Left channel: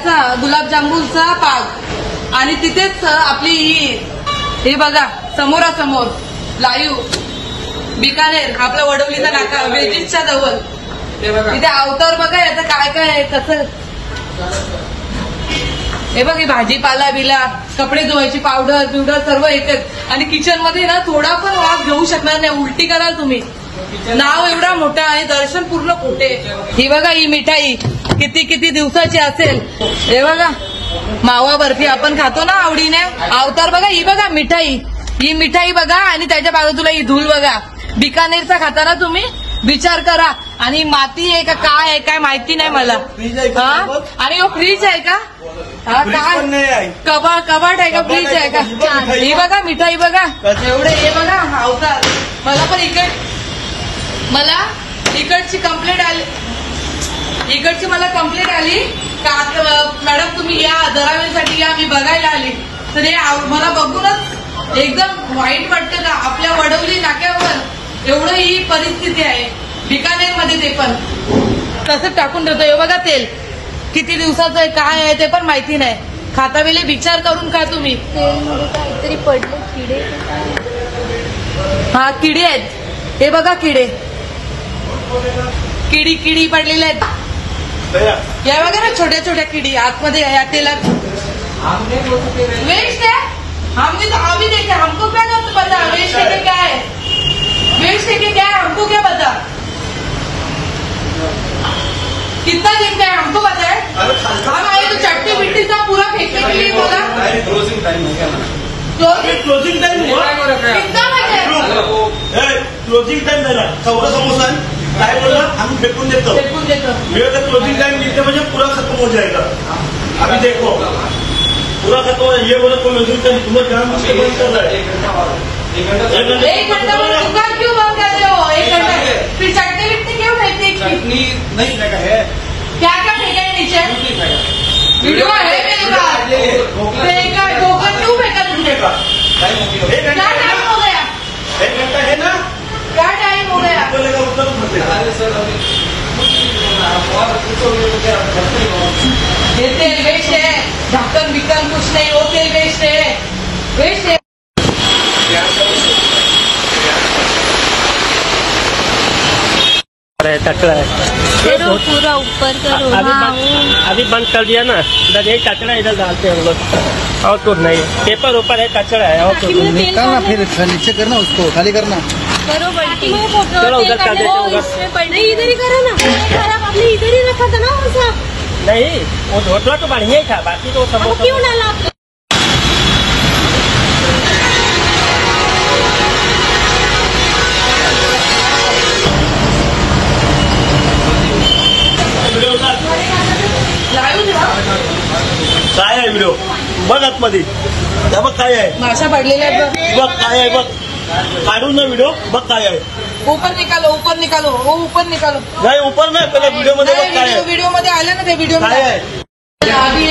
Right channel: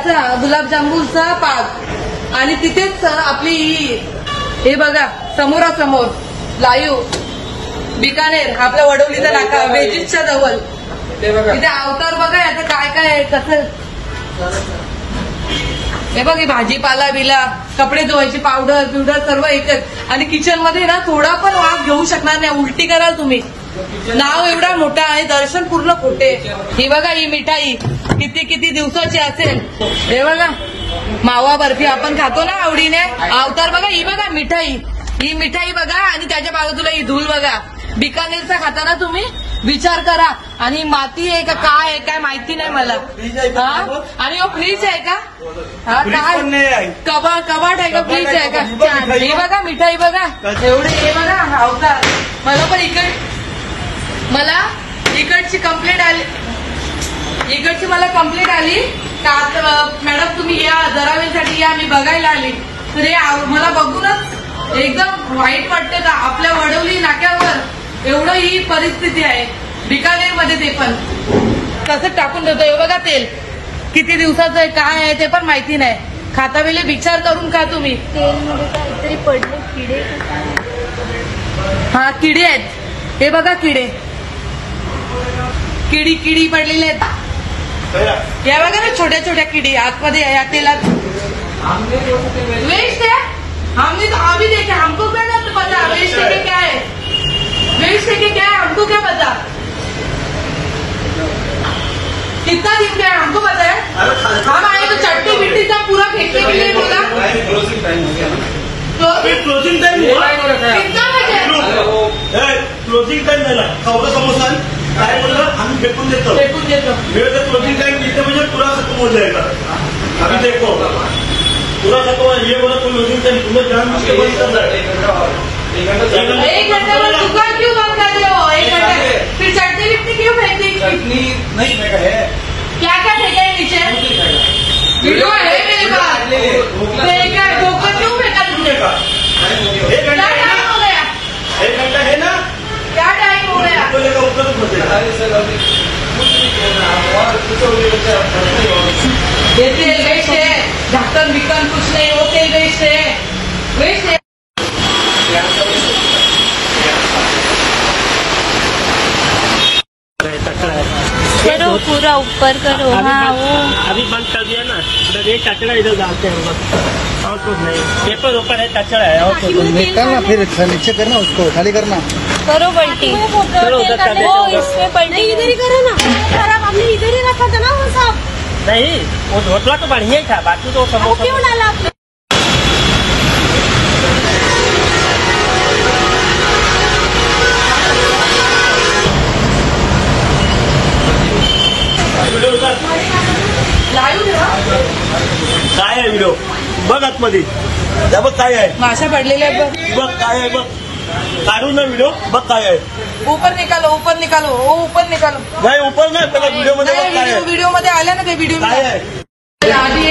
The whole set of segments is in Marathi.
याचा गुलाबजामुनचा पाक आणि तिथेच आपली ही हे बघा समोरासमोर लाईव्ह बिकानेर आपल्या वडवलीचा नाका वेजिसच्या जवळ तिथे अवतार बघा याचं काय काय आहे कसं हे बघ भाजीपाला बिला कपडे धुवायची पावडर बिवडर सर्व एकच आणि किचन मध्ये ना थोडा पण वास घेऊ शकणार नाही उलटी कराल तुम्ही नाव एवढा मोठा आहे दर्शन पूर्ण खोटे ही बघा ही मिठाई किती किती दिवसाची असेल हे बघा मावा बर्फी आपण खातो ना आवडीने अवतार बघा ही बघा ही मिठाई बघा आणि त्याच्या बाजूला ही धूल बघा बिकानेरचा खाताना तुम्ही विचार करा आणि माती आहे का काय आहे काय माहिती नाही मला आणि फ्रीज आहे का कबाट आहे का फ्रीज आहे का हे बघा मिठाई बघा एवढे हे बघा अवतार मला इकडची कंप्लेंट आली मॅडम तुम्ही या दरावीसाठी या मी बघायला आली तर हे मला बघूनच एकदम वाईट वाटतं का आपल्या वडवली नाक्यावर एवढं ही परिस्थिती आहे बिकानेरमध्ये ते पण तसंच टाकून ठेवतो हे बघा तेल किती दिवसाचं आहे काय आहे ते पण माहिती नाही खाता वेळी विचार करून खा तुम्ही तेलमध्ये काहीतरी पडले किडे हा किडे आहेत हे बघा किडी पडलेले आहेत या बघा ना छोट्या छोट्या किडी आतमध्ये या तेलात वेस्ट है अभी देखे हमको क्या पता वेस्ट है क्या है वेस्ट है क्या है हमको क्या पता कितना दिन का है हमको पता है हम आए तो चट्टी मिट्टी का पूरा फेंकने के लिए बोला क्लोजिंग टाइम हुआ कितना बजे क्लोजिंग टाइम झाला चौदा समोसा काय बोला हम फेकून देतो मेरे तो क्लोजिंग टाइम लिखते मुझे पूरा खत्म हो जाएगा अभी देखो पूरा खत्म ये बोला क्लोजिंग टाइम तुम्हें ध्यान से बंद करना है 1 घंटे में दुकान क्यों बंद कर रहे हो 1 घंटे फिर चटनी विट्टी क्यों फेंकती चटनी नहीं फेंका है क्या क्या फेंका है नीचे वीडियो है मेरे पास फेंका गोबर क्यों फेंका तुमने क्या टाइम हो गया 1 घंटा है ना क्या टाइम हो गया ये तेल वेस्ट है ढक्कन बिक्कन कुछ नहीं वो तेल वेस्ट है कचरा है करो पूरा ऊपर करो हाँ वो अभी बंद कर दिया ना इधर एक कचरा इधर डालते हैं हम लोग और कुछ नहीं पेपर ऊपर है कचरा है और कुछ निकालना फिर नीचे करना उसको खाली करना करो पलटी वो इसमें पलटी इधर ही करो ना हमने इधर ही रखा था ना वो सब नहीं वो ढोकला तो बढ़िया ही था बाकी तो समोसा क्यों डाला काय आहे व्हिडिओ बघ आतमध्ये त्या बघ काय आहे माशा पडलेल्या आहेत बघ काय आहे बघ काढून ना व्हिडिओ बघ काय आहे ऊपर निकालो वो ऊपर निकालो नाही ऊपर नाही पहिला व्हिडिओ मध्ये बघ काय आहे वीडियो मध्ये आलं ना ते वीडियो काय आहे आधी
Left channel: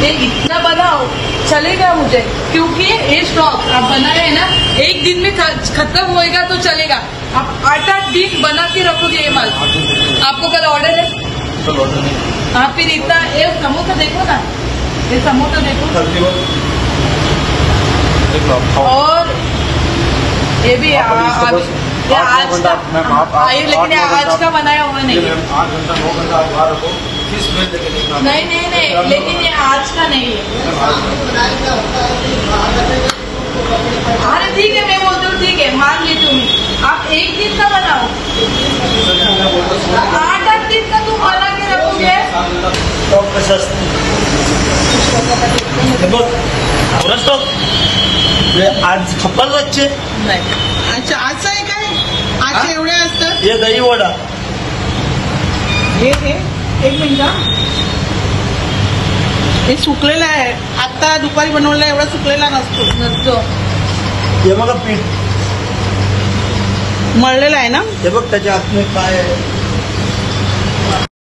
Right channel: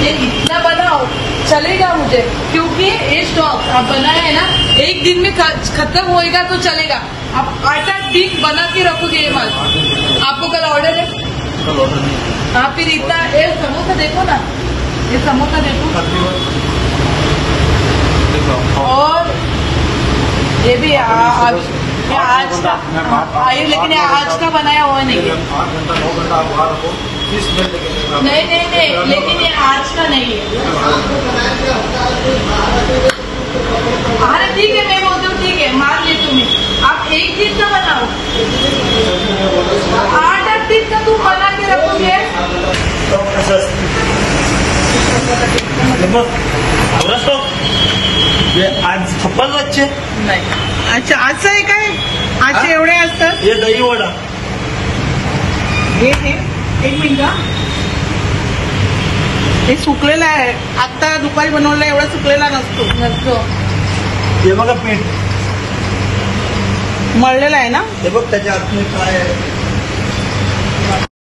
ये इतना बनाओ चलेगा मुझे क्योंकि ये स्टॉक आप बनाए है ना 1 दिन में खत्म होएगा तो चलेगा आप 8-8 दिन बना के रखोगे ये माल आपको कल ऑर्डर है हाँ फिर इतना ये समोसा देखो ना ये समोसा देखो और ये भी आज का लेकिन आज का बनाया हुआ नहीं है 8 घंटा 9 घंटा आप बाहर रखो 30 मिनट तक नहीं लेकिन ये आज का नहीं है अरे ठीक है मैं बोलती हूँ ठीक है मान ली तुम्हें आप 1 दिन का बनाओ 8-8 दिन का तुम बना के रखोगे आज खप्पल बच्चे नाही अच्छा आज आहे काय आज एवढे असतात हे दही वडा हे 1 मिनिट हे सुकलेलं आहे आता दुपारी बनवलेला एवढा सुकलेला नसतो हे बघा पीठ मळलेला आहे ना हे बघ त्याच्या आतमध्ये काय आहे